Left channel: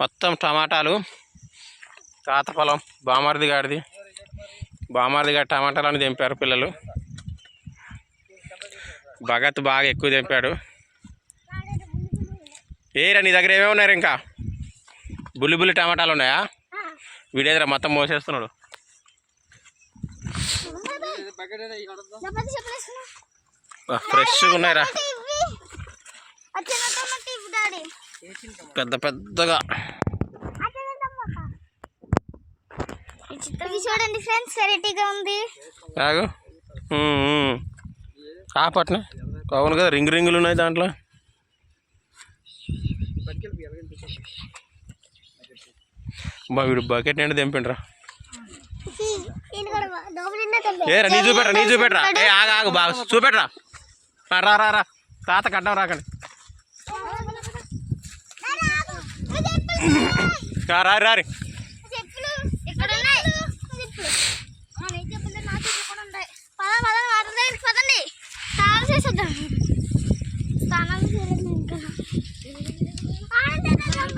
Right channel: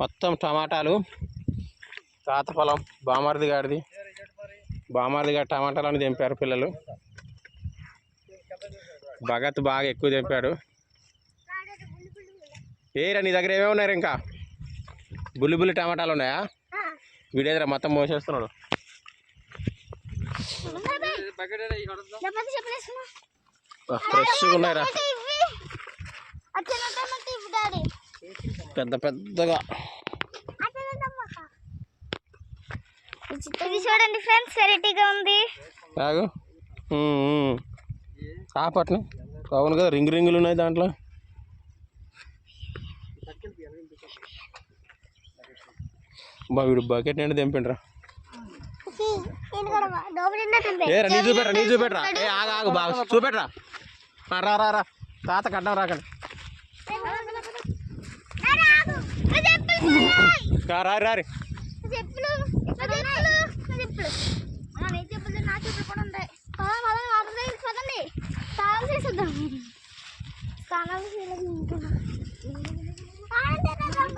మొత్తం టమాటాలు. తాత పొలం బామార్ది గాడి టమాటాలని తెంపారు పిల్లలు. భగత్ బాగా ఎక్కువ తెంపాడు. ఏరా నీ దగ్గర ఏమేమి ఉన్నాయి ఇంకా? బుల్లి టమాటాలు ఉన్నాయా? వీడేదిరా మొత్తం మోసేస్తున్నాడు. ఫ్రెష్గా ఉన్నాయిరా, పెద్దగా. చూడండి ఫ్రెండ్స్, వెరైటీగా ఉంది. కాపట్నే అవును కదా, రింగులు ఉన్నాయి దాంట్లో. వీడు బకెట్ నిండా తెంపిండ్రా. ఏరా నీ చూపెట్రా. ఆగు బాగా చూపెట్రా. రా తాత కట్టం రాకండి. రారి స్నానాలు